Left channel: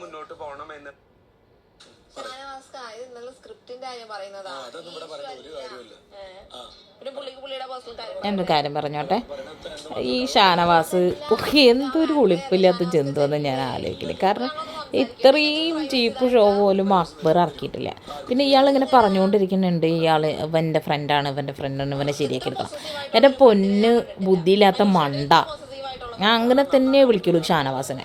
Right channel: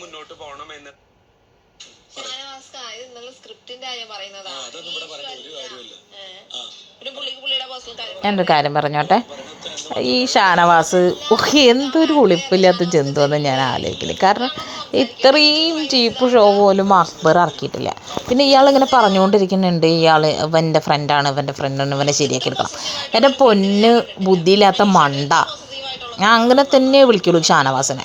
മുന്നോട്ട് പോകണമെന്ന് ഞാനൊരു കാര്യം പറഞ്ഞോട്ടെ, ഈ ഷാനവാസ് എന്തൊരു ഉളിപ്പില്ലാത്ത ജന്തുവെന്ന് ഞാൻ ആലോചിക്കില്ല. കാരണം ഇത്രയും ചീപ്പ് ഷോ പോലും അക്ബർ ഇറക്കിയിട്ടില്ല. പിന്നെ ഇയാളിങ്ങനെ പറഞ്ഞുകൊണ്ടിരിക്കുന്നുണ്ട്, ഇയാൾ ഇവൻ്റെ ഫ്രണ്ടാണ് ഇവനെ ശരിയാക്കി എടുക്കണം. എൻ്റെ പൊന്ന് ബുദ്ധിയില്ലാത്ത മണ്ട, ഞാൻ അങ്ങനെ തന്നെ വിളിക്കുള്ളൂ ഷാനവാസിനെ.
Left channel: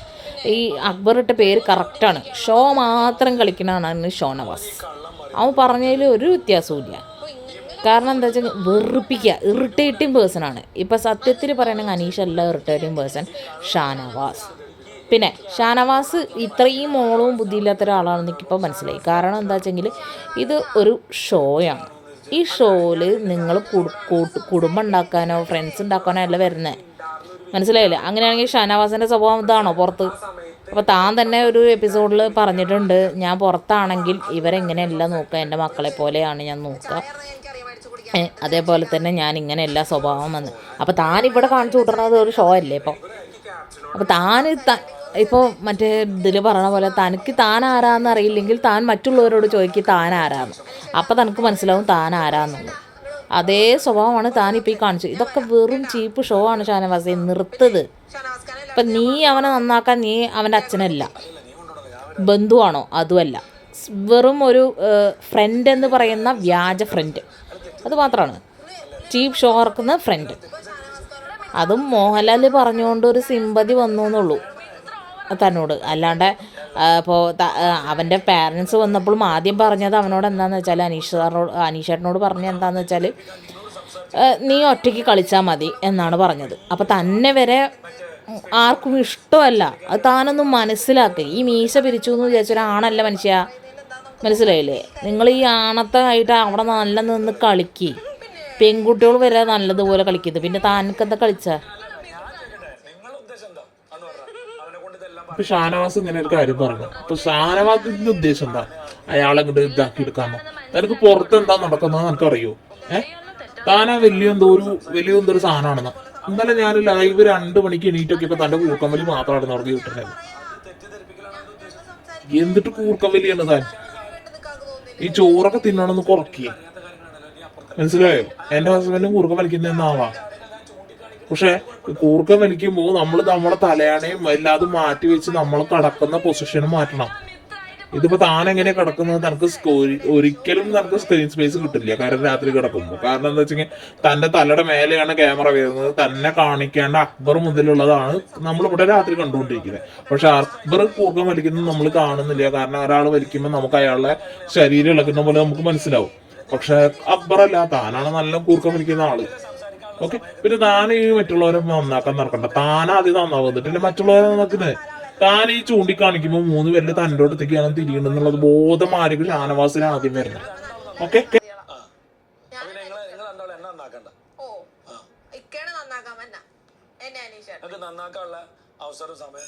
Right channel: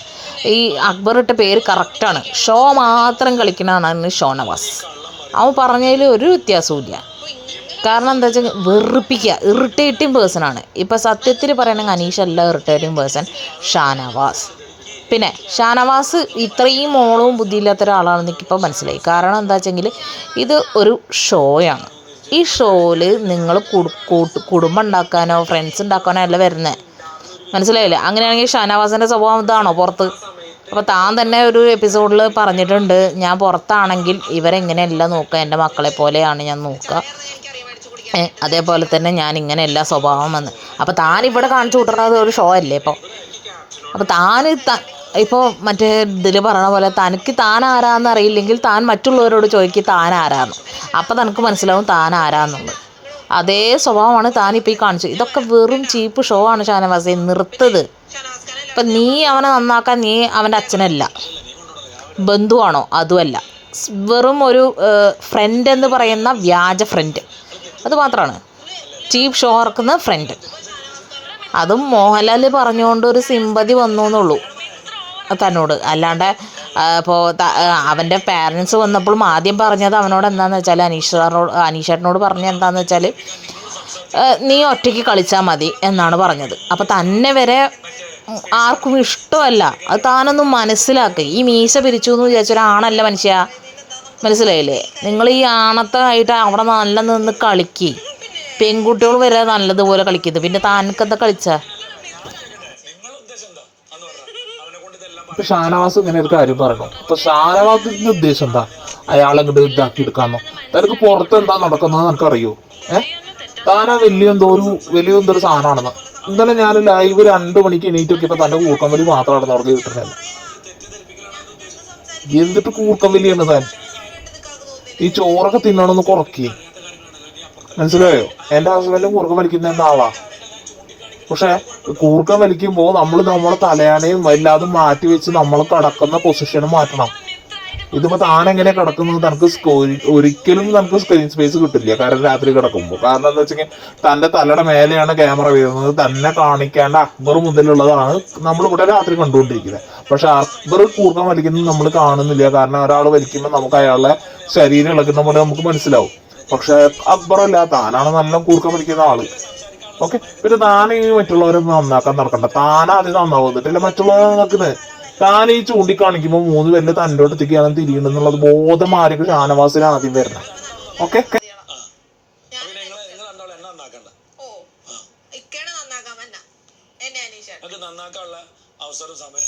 ഈ അക്ബർ ഇട്ട പേര് കറക്റ്റാണ്. ഷോ മാത്രം കളിക്കണതാണ് ഷോനവാസ്. അവൻ പറഞ്ഞതിൽ ഒരു വ്യത്യാസവും ഇല്ല. കാരണം എന്താ വെച്ചാൽ വെറുപ്പിക്കുക, ഇറിറ്റേറ്റിംഗ് പേഴ്സണാണ്. ഇപ്പം സത്യത്തിൽ പറയണമെങ്കിൽ അനീഷ് അല്ല ഇറിറ്റേറ്റിംഗ് പേഴ്സൺ, ഷാനവാസ്. പിന്നെ ഷാനവാസ് ഇത്രയും മോളവും ബുദ്ധിയില്ലാത്ത ഒരാളാണെന്ന് എനിക്കിപ്പോൾ മനസ്സിലായി. കാരണം എന്താ വെച്ചെങ്കിൽ ഇത് ഒരു ഷോയാണ്. ഈ ഷോയിൽ നിങ്ങൾ കുടുംബം ഉണ്ടാക്കാനോ ഫ്രണ്ട്സ് ഉണ്ടാക്കാനോ അല്ല വരുന്നത്, മനസ്സിലായില്ലേ? അങ്ങനെയാണെങ്കിൽ ഷാനവാസിൻ്റെ സ്വഭാവം ഇതാണോ പുറത്ത്? അപ്പോൾ താൻ തന്നെ ഒരു എപ്പിസോഡിൽ പറഞ്ഞിട്ടുണ്ട്, ഞാൻ പുറത്താണെങ്കിൽ ഇവരെങ്ങനെയല്ല നോക്കുക, എൻ്റെ മക്കളെ പോലെയാണ് ഞാൻ നോക്കുക, അതേപോലെ തന്നെ ഞാൻ ഇങ്ങനെയല്ല സ്വഭാവം എന്ന്. അപ്പോൾ താൻ ഇവിടെ കാണിച്ചു കൂട്ടുന്നത് ഒരു ഷോ അല്ലേ ഇപ്പോൾ? അപ്പോൾ ഇപ്പോൾ മറ്റേ ഇതിൽ പറയണ പോലെ തനിക്ക് താൻ ആരാന്ന് അറിയില്ലെങ്കിൽ താൻ മറ്റുള്ളവരോട് ചോദിക്കും താൻ ആരാന്ന്. അപ്പോൾ തനിക്ക് മനസ്സിലാവും താൻ ആരാന്നുള്ളത്. അതേ സ്വഭാവമാണ് താനിപ്പോൾ ഈ കാണിച്ചത്. ഇതൊക്കെ വെറും ചീപ്പ് ഷോ ആണ് ഷാനവാസെ, നിർത്തത്. ഇപ്പം നീ അവനെ നന്നാക്കാൻ നീ അവൻ്റെ അച്ഛനല്ല, ബന്ധുവാണോ? അതുമല്ല, വെറും ഒരു ഫ്രണ്ട് എന്ന് പറയുന്ന വ്യാജ ഫ്രണ്ട്, അത് മാത്രമാണ് ചീപ്പ് ഷോ ഇറക്കുന്ന ഫ്രണ്ട്. അതും മോഹൻലാൽ പറഞ്ഞുകൊണ്ട് ഒരു സിമ്പതി വന്നു എന്നുള്ളൂ തന്നോട്. അല്ലാണ്ട് ഇപ്പോൾ അവൻ്റെ പാരൻസ് വന്നപ്പോഴും ആദ്യം പറഞ്ഞത് അവനോട് എന്താണെന്ന് വെച്ചാൽ, അനീഷേട്ടനോട് പറഞ്ഞത് എന്താണെന്ന് വെച്ചാൽ, നീ ഒറ്റയ്ക്ക് കളിച്ചാൽ മതി എന്നാണ് പറഞ്ഞത്. അപ്പോൾ തന്നെ വരെ ആർക്കും ഇഷ്ടമല്ല. അത് താനൊന്നും മനസ്സിലാക്കുക. ഈ മീശ പിരിച്ചു എന്ന് വിചാരിച്ചൊരാണല്ല മനുഷ്യ, മനസ്സിലായില്ലേ? നിങ്ങൾ ഈ ആണത്തായിട്ട് അവിടെ നല്ല നിന്ന് കളിക്ക്. പെൺകുട്ടികൾ വരെ നല്ലതുപോലെ കളിക്കുന്നത്, പിന്നെ താനക്കെന്താ കളിച്ചാ? ഇപ്പൊ ഷാനവാസ് ഇങ്ങനെ ഒരു കാര്യം പറഞ്ഞു. അപ്പൊ ഷാനവാസിന്റെ ഉദ്ദേശം എന്താ? അയാളെ ഇങ്ങോട്ട് ഇതാക്കി എടുക്കാന്നോ? തനിക്ക് പുറത്ത് എന്താ നടക്കുന്നത് നമുക്ക് അറിയോ? താനാ വലിയ എന്തോ ഒരു സാധനമാണെന്ന്. ഇന്നലെ ഞാൻ ലൈവ് 2 മണിക്ക് എണീറ്റൊക്കെ ഇപ്പൊ തന്റെ കൂർക്കം വലി മാത്രമാണ് നടന്നു കിട്ടുന്നത്. എന്നിട്ട് കൂർക്കം വലിയാണ് താൻ. ഈ ചോറൊക്കെ തിന്നണമെന്ന് കുറക്കി, മനസ്സിലായോ? എന്റെ ഹസ്ബൻഡ് കൂർക്കം വലിക്കുന്ന ആളാ. പക്ഷെ കൂർക്കം വലിക്കുമ്പോൾ നമ്മളെ തലയാണയും വല്ലാതെ മാറ്റി വെച്ച് നമ്മൾ കിടക്കുന്ന പൊസിഷനും മാറ്റണം. ഇതിപ്പോ താൻ എങ്ങനെ കിടക്കുന്നത്? തനക്ക് ഒരിക്കലും നമുക്ക് സ്ക്രീൻ സ്പേസ് കിട്ടില്ല. കാരണം രാത്രി കിടക്കുമ്പോൾ, കാരണം എന്താ വെച്ചെങ്കിൽ തന്റെ തലയുടെ മേലെയാണ് ക്യാമറ വരുന്നത്. തന്നെ കാണിക്കാൻ അക്ബർ മുതലുള്ളതാണ് നമ്മളിവിടെ രാത്രി കണ്ടുകൊണ്ടിരിക്കുന്നത്. പക്ഷെ അക്ബർ കൂർക്കം വലിക്കുന്നത് നമ്മൾ കാണുന്നില്ല. കാരണം ഒരാൾ വലിക്കുമ്പോൾ നമുക്ക് അയാളുടെ ശരീരം ഇളക്കുന്ന പോലെ നമുക്ക് മനസ്സിലാവും. പക്ഷെ അക്ബർ അല്ല, താനാണ് നല്ല കൂർക്കം വലിക്കുന്ന ആള്. ഓക്കെ, പിന്നെ താൻ ഈ മറ്റുള്ളവരെ നന്നാക്കാൻ നടക്കണ്ട. താനാദ്യം നന്നാവുന്നിട്ടില്ല മറ്റുള്ളവരെ നന്നാക്കുന്നത്. താൻ ഈ ചൂണ്ടിക്കാണിക്കുമ്പോൾ 3 പേരില് തൻ്റെ അടുത്തേക്കാണ് തിരിയണമെന്നുള്ളത് ബോധം ആരെങ്കിലും ഷാനവാസിന് ആദ്യം വരണം. ഓക്കെ, നന്നാക്കാനുള്ള അവസരം സമയം